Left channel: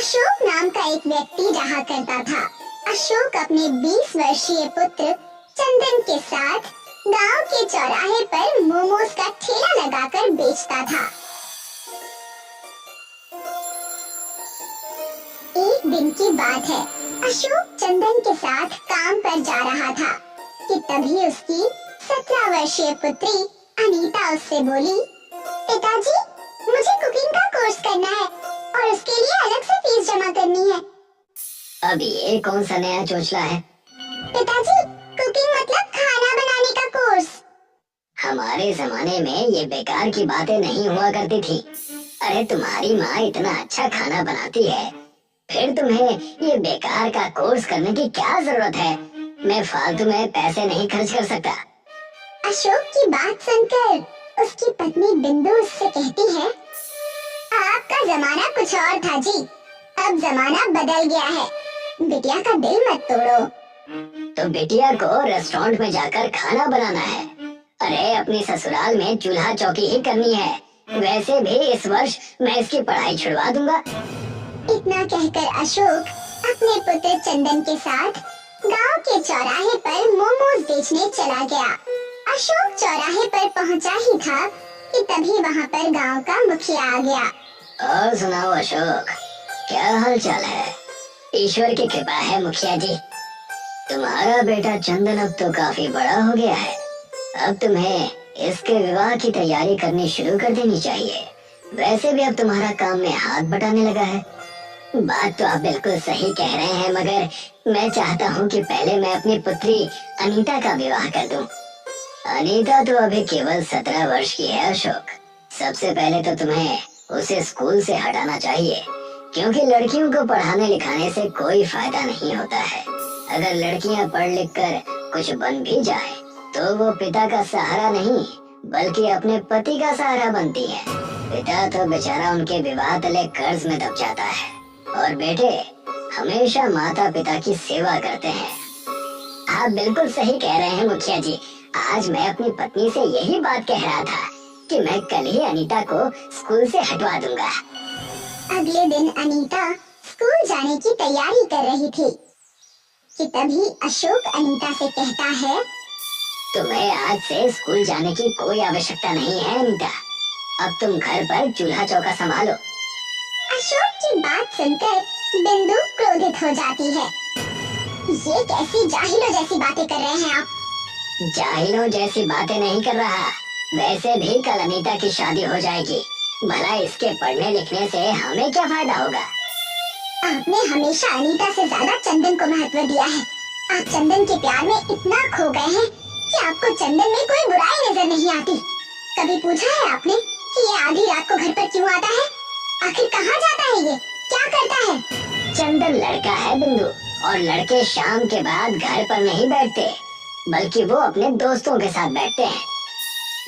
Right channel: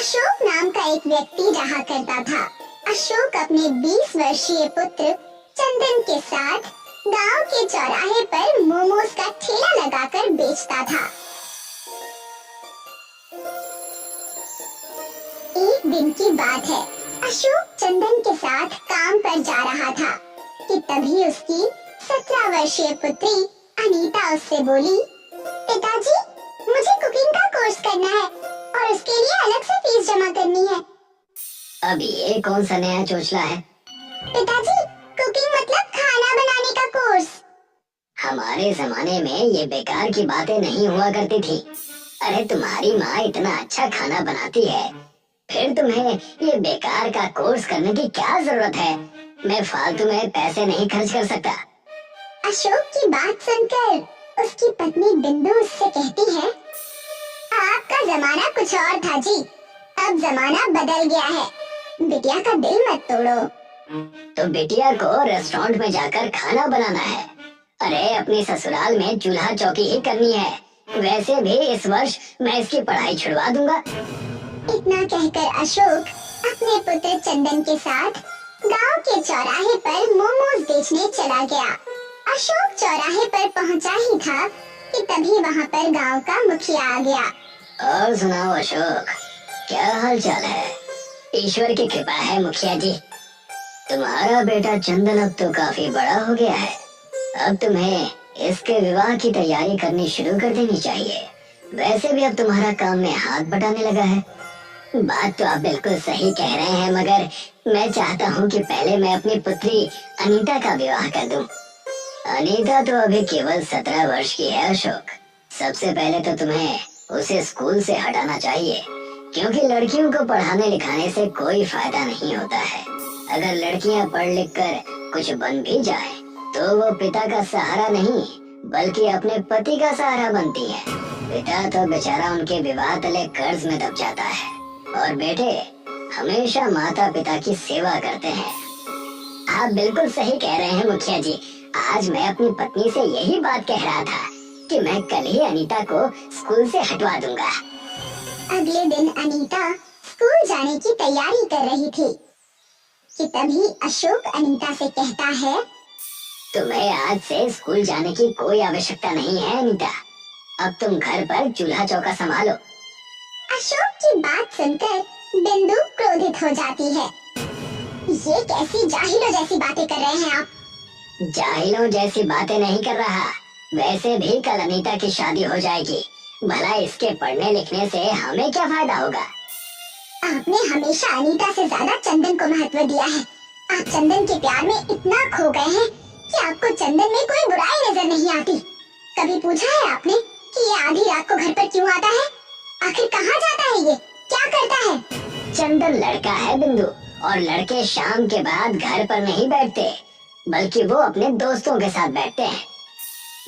अशोक नाम का एक व्यक्ति रहा करता था। अशोक अपने 20 वर्षीय पुत्र चंदन के साथ गांव के चौराहे पर मोमोज का ठेला लगाकर बेचता था। एक दिन की बात है, अशोक चंदन के साथ काम पर जा रहा था कि तभी उसकी 17 वर्षीय पुत्री अनीता उससे बोली, पिताजी, मुझे कुकिंग का कोर्स करना है और उसके लिए अलग से फीस जमा करनी है। अब ये कौन सा नया चोचला है? पिताजी, कुकिंग मतलब खाना बनाने का कोर्स। हमारे जमाने में ये बेकार की बातें नहीं हुआ करती थी। अरे तुम्हारी माँ इतना अच्छा खाना बनाती है, फिर तुम्हें ये बेकार का कोर्स करने की क्या जरूरत है? मैं फालतू में पैसे नहीं खर्च कर सकता। अशोक की बात सुनकर उसकी पत्नी बिंदु उससे कहती है, आपका जमाना कुछ और था जी, अब जमाना बदल गया है। बिटिया का दिल मत तोड़ो। तो बिटिया को रेस्टोरेंट में जाकर खाना बनाना है। अरे अपनी ससुराल में चूल्हा चौकी ही करनी है। वैसे भी इस वर्ष मैं इसकी पढ़ाई छुड़वा दूंगा। इतना कहकर अशोक अपने पुत्र चंदन के साथ गांव के चौराहे पर मोमोज बेचने चला गया। अशोक चौराहे पर पहुंचा ही था कि तभी वहां पर गांव का मुखिया आ गया। और सुनाओ अशोक, क्या हाल चाल है? ईश्वर की कृपा है मुखिया जी। तुम्हारा बेटा चंदन अब तो काफी बड़ा हो गया है। अब तुम्हें इसके विवाह की तैयारी करनी शुरू कर देनी चाहिए। वैसे भी अब तुम्हारा काम में हाथ बटाने लगा है। बात तो आप बिल्कुल सही कह रहे हैं, मगर मैं चाहता हूँ कि पहले मैं अपनी पुत्री अनीता का विवाह कर दूं। अनीता तो अभी केवल 17 वर्ष की है अशोक। सबसे पहले तो तुम्हें उसे स्कूल से हटाना चाहिए, क्योंकि लड़कियों को पढ़ाने लिखाने से कोई फायदा नहीं होता है। अगर लड़कियां पढ़ लिख कर कुछ बन भी जाए तो वो पिता का सहारा नहीं बल्कि अपने पति का सहारा बनती है। पिता तो बेचारा उनके विवाह तले कर्ज में दब जाता है और बेटे हमेशा माता पिता की सेवा करते हैं। आप बिल्कुल सही कह रहे हैं मुखिया जी। आज मैं अपनी पत्नी से यही बात कह रहा था कि मैं कल ही अनीता को स्कूल से हटवा दूंगा। अगले दिन अनीता स्कूल जाने की तैयारी कर रही थी कि तभी अशोक अनीता से कहता है, तुम्हें आज से स्कूल जाने की कोई आवश्यकता नहीं है अनीता। अब तुम घर पर चूल्हा चौका संभालो। अशोक की बात सुनकर बिंदु क्रोधित हो जाती है। ये कैसी जाहिलों जैसी बातें कर रहे हैं आप? जाहिलों जैसी बातें नहीं कर रहा। वैसे भी कल अनीता की शादी हो जाएगी। भला इसके पढ़ने लिखने से हमें क्या फायदा होगा? आपने हमेशा अनीता से ज्यादा चंदन को महत्व दिया है। आप चंदन के प्यार में इतना खो गए हैं कि आपको चंदन में कोई बुराई नजर नहीं आती। कभी पूछा है आपने कि ये आधी रात को घर पर क्यों आता है? आखिर कहाँ जाता है, ये क्या करता है? चंदन लड़का है बिंदु, और लड़के शाम के बाद घर पर नहीं बैठते बल्कि वो अपने दोस्तों के साथ बैठते हैं।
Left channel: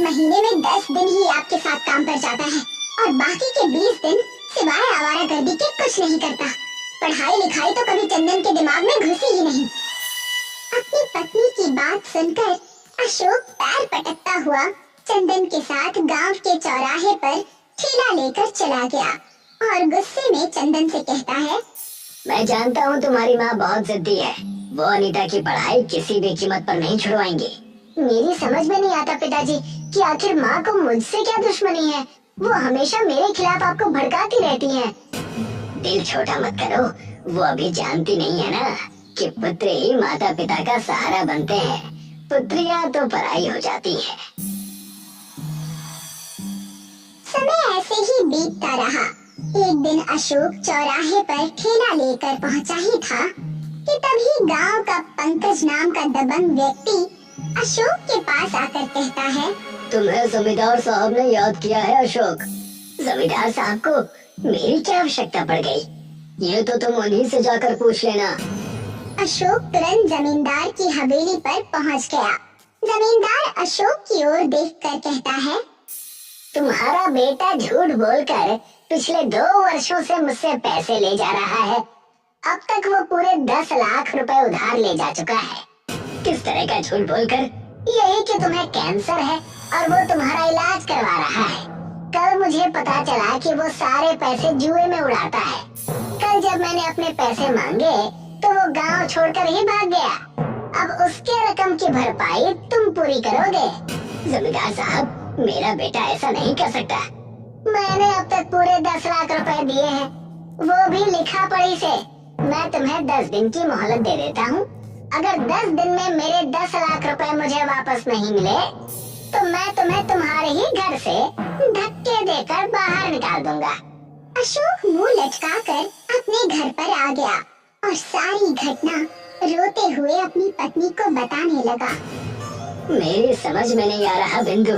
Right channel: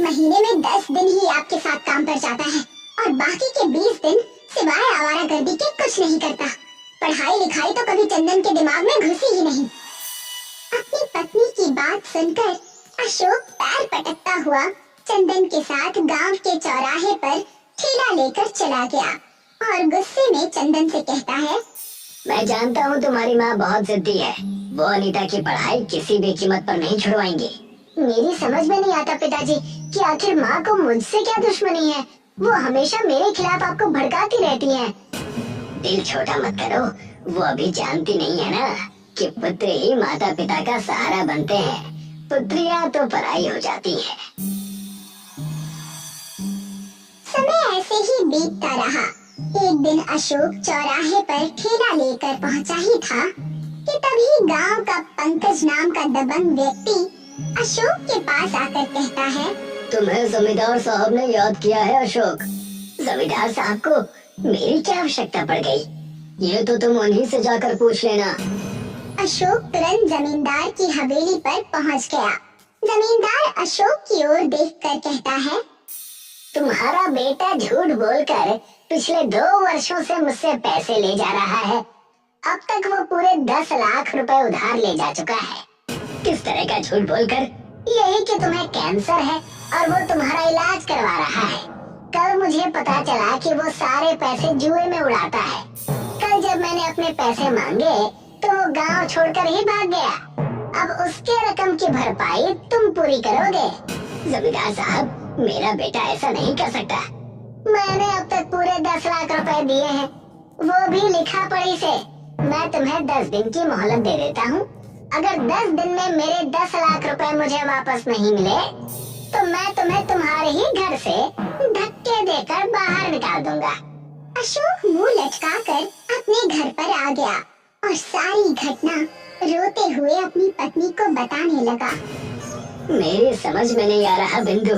महीने में 10 दिन ही आपके साथ काम पर जाता है और बाकी के 20 दिन सिवाय आवारागर्दी के कुछ नहीं करता। पढ़ाई लिखाई तो कभी चंदन के दिमाग में घुसी ही नहीं। अपनी पत्नी की बात सुनकर अशोक पैर पटकता हुआ चंदन के साथ गांव के चौराहे पर ठेला लेकर चला गया और गुस्से में चंदन से कहता है, मैं जानता हूँ तुम्हारी माँ बहुत जिद्दी है। वो अनीता की पढ़ाई किसी भी कीमत पर नहीं छुड़वाएंगी। मेरी समझ में नहीं आता पिताजी कि आखिर माँ को मुझसे क्या दुश्मनी है। वो हमेशा मेरे खिलाफ आपको भड़काती रहती हैं। दिल छोटा मत करो। वो अभी जानती नहीं है ना कि पुत्र ही माता पिता का सहारा बनते हैं। पुत्रियाँ तो पराई हो जाती हैं। समय ऐसे ही बीतता रहा। एक दिन अशोक चौराहे पर ठेला लेकर पहुंचा ही था कि तभी गांव का पंकज नाम का दबंग व्यक्ति अशोक के पास आकर कहता है, तुम्हें जमींदार साहब ने याद किया है अशोक। जमींदार साहब को मेरी क्या आवश्यकता पड़ गई? ये तो तुम उन्हीं से जाकर पूछ लेना। अशोक तुरंत जमींदार की हवेली पर पहुंच गया। जमींदार अशोक की ओर देखकर कहता है, तुम्हारा बेटा झूठ बोलकर पिछले 2 वर्षों से मुझसे पैसे ले जा रहा है। अब तक वो पूरे 10 लाख रुपए उधार ले जा चुका है। किस तरह का झूठ बोलकर? यही कि तुम्हें कैंसर है और वो तुम्हारा इलाज करवा रहा है। कल मुझे पता चला कि वो सारे पैसे जुए में उड़ाता है। कल मैंने अपने पैसे मांगे तो वो गांव छोड़कर ही भाग गया। अब उसके रकम की भरपाई तुम पूरी करोगे। जमींदार साहब, मेरा बेटा ऐसा नहीं कर सकता। मैंने अब तक पूरे 10 लाख रुपए दिए हैं, वो भी लिखा पढ़ी से। मैं तुम्हें 10 दिन की मोहलत दे देता हूँ। अगर 10 दिन में मेरे 10 लाख रुपए मुझे वापस नहीं मिले तो मैं तुम्हें तुम्हारे ही घर से धक्के देकर बाहर निकाल दूंगा। अशोक मुंह लटकाकर अपने घर पर आ गया और सारी घटना रोते हुए अपनी पत्नी को बताने लगा। मेरी समझ में नहीं आ रहा बिंदु,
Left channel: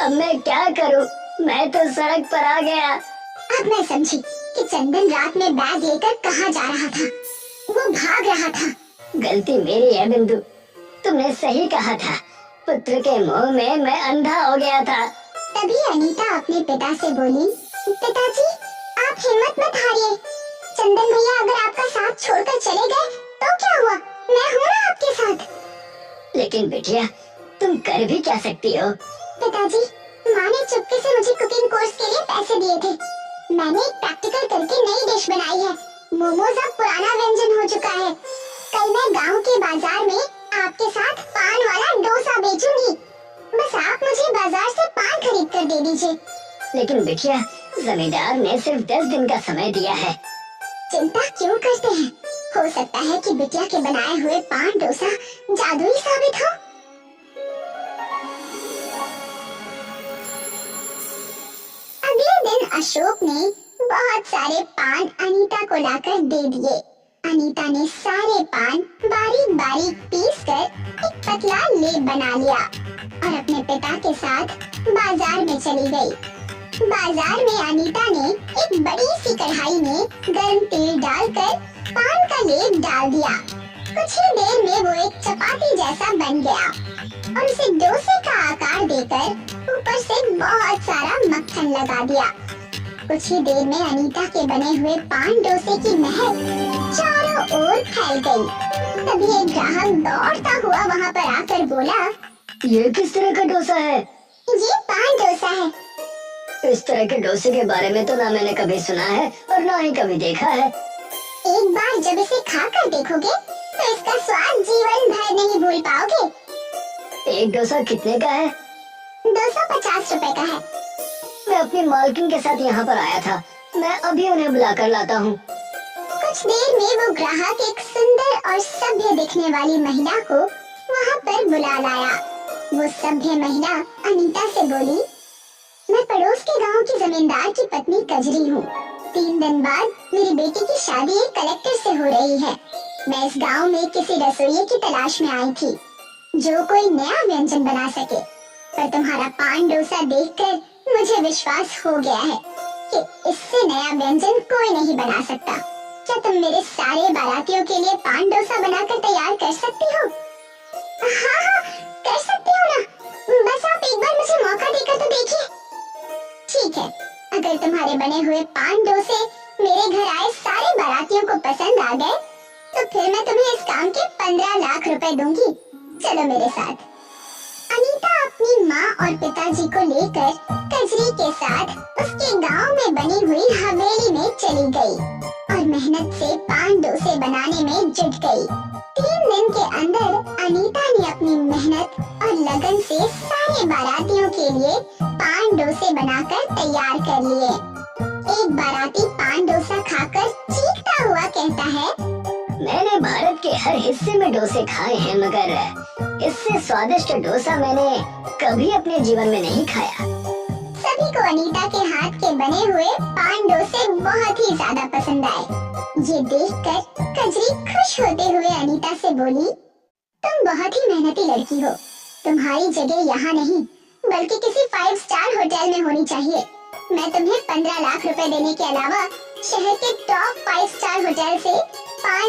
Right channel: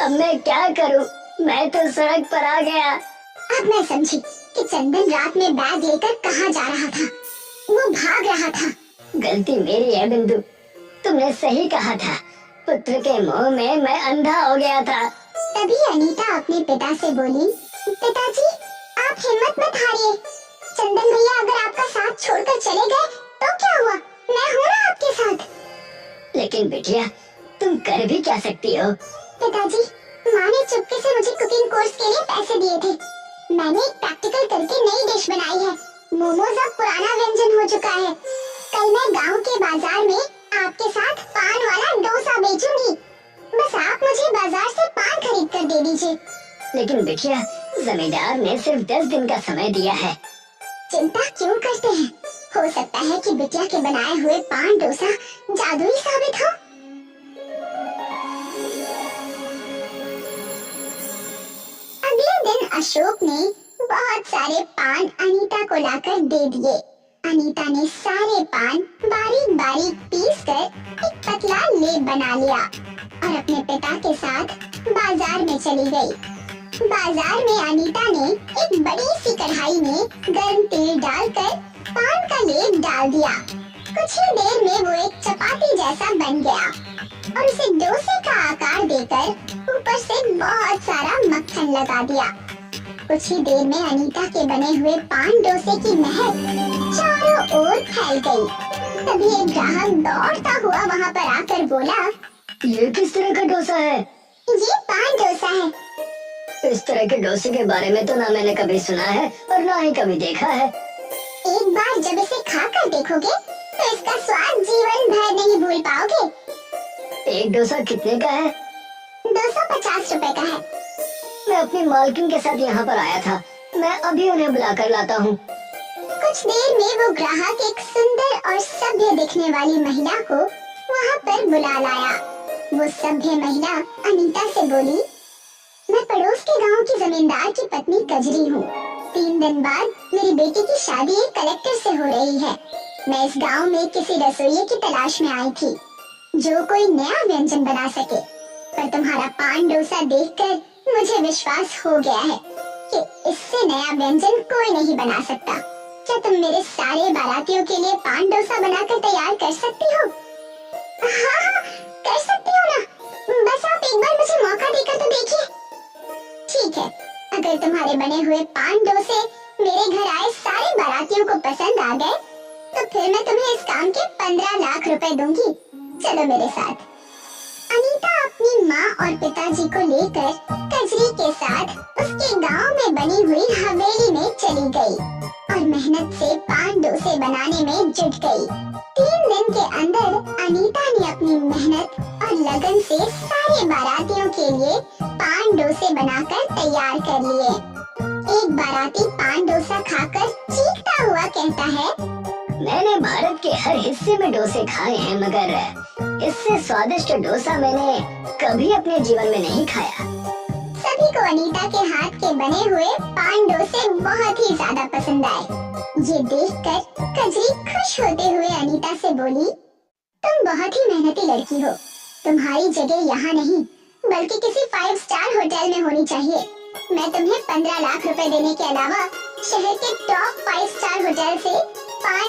अब मैं क्या करूं? मैं तो सड़क पर आ गया। अब मैं समझी कि चंदन रात में बैग लेकर कहाँ जा रहा था। वो भाग रहा था। गलती मेरी है बिंदु, तुमने सही कहा था। पुत्र के मोह में मैं अंधा हो गया था। तभी अनीता अपने पिता से बोली, पिताजी आप हिम्मत मत हारिए। चंदन भैया अगर आपका साथ छोड़कर चले गए तो क्या हुआ, मैं हूँ ना आपके साथ। लेकिन बिटिया, तुम कर भी क्या सकती हो? पिताजी, माँ ने चुपके से मुझे कुकिंग कोर्स के लिए पैसे दिए थे। मैंने एक प्रैक्टिकल करके नई डिश बनाई है। मोमोज अब पुराना व्यंजन हो चुका है। कल मैं गांव के बाजार में आपके साथ पान वाला डोसा बेचूंगी। बस आप मुझे बाजार से पान खरीद कर दे दीजिए। लेकिन बिटिया, जमींदार ने सिर्फ 10 दिन का समय दिया है। चिंता क्यों करते हैं? हो सकता है कि बिटिया के बनाए हुए पान डोसा जादुई साबित हो। अगले दिन अशोक ने बहुत सारे पान अनीता को लाकर दे दिए। अनीता ने सारे पान बारीक बारीक पीस कर एक पतला लेप बना लिया और अपने पिता के साथ बाजार में चली गई। बाजार में अनीता ने एक बड़ी सी कढ़ाई में गर्म तेल डालकर पान का लेप डाल दिया। कुछ ही देर में वो एक चपाती जैसा बन गया और उसे डोसे का आकार देकर ऊपर से बहुत सारा मक्खन लगा दिया। कुछ ही देर में अनीता के बने हुए पान डोसे की महक चारों ओर फैल गई। तभी एक ग्राहक दौड़ता हुआ वहाँ पर आकर बोला, ये किस तरह का डोसा है? ये पान डोसा है। इस तरह के डोसे के बारे में तो ना मैंने कभी सुना है और ना ही कभी देखा है। एक बार जब इसे खाकर देखोगे तो इसका स्वाद जीवन भर नहीं भूल पाओगे। एक डोसा कितने का है? 250 रुपए का है। मैं अपनी मालकिन के साथ यहाँ पर आया था, मैं अभी उन्हें बुलाकर लाता हूँ। कुछ देर में वो ग्राहक एक सुंदर और सभ्य दिखने वाली महिला को वहाँ पर बुला लाया। वो सभ्य महिला अनीता से बोली, मैं पड़ोस के गांव की जमींदार की पत्नी कजरी हूँ। 3 दिन बाद मेरी बेटी की शादी एक कलेक्टर से हो रही है। मैं इस गांव में किसी रसोइये की तलाश में आई थी जो कोई नया व्यंजन बना सके, पर तुम्हारा पान डोसा देखकर मुझे विश्वास हो गया है कि इससे नया व्यंजन कोई नहीं बना सकता। क्या तुम मेरे सारे बारातियों के लिए पान डोसा बनाकर तैयार कर सकती हो? हाँ, कर सकती हो ना। बस आप एक बार मुझे मौका देकर तो देखिए। ठीक है, अगर तुम्हारे बने हुए पान डोसे मेरे घर आए सारे बारातियों को पसंद आ गए तो फिर मैं तुम्हें इस काम के 15 लाख रुपए दूंगी। चलो मेरे साथ। अनीता अपनी माँ और पिताजी को लेकर कजरी के साथ उसके गांव में बनी हुई हवेली में चली गई और मेहनत से पान डोसे बनाने में जुट गई। 3 दिन के अंदर अनीता ने अपनी मेहनत और लगन से सारे बारातियों के लिए पान डोसे बनाकर तैयार कर लिए। एक बाराती पान डोसा खाकर चीखता हुआ कहता है, मैंने भारत के हर हिस्से में डोसे खाए हैं, मगर इससे स्वादिष्ट डोसा मैंने कभी अपने जीवन में नहीं खाया। सभी को अनीता के हाथ के बने हुए पान डोसे बहुत ही ज्यादा पसंद आए। ये देखकर कजरी खुश होते हुए अनीता से बोली, तुम बहुत ही मेहनती लड़की हो। तुम्हारी जगह यहाँ नहीं बल्कि किसी 5 स्टार होटल में होनी चाहिए। मैं तुम्हें 15 लाख रुपए देने के अलावा शहर के टॉप 5 स्टार होटल से पान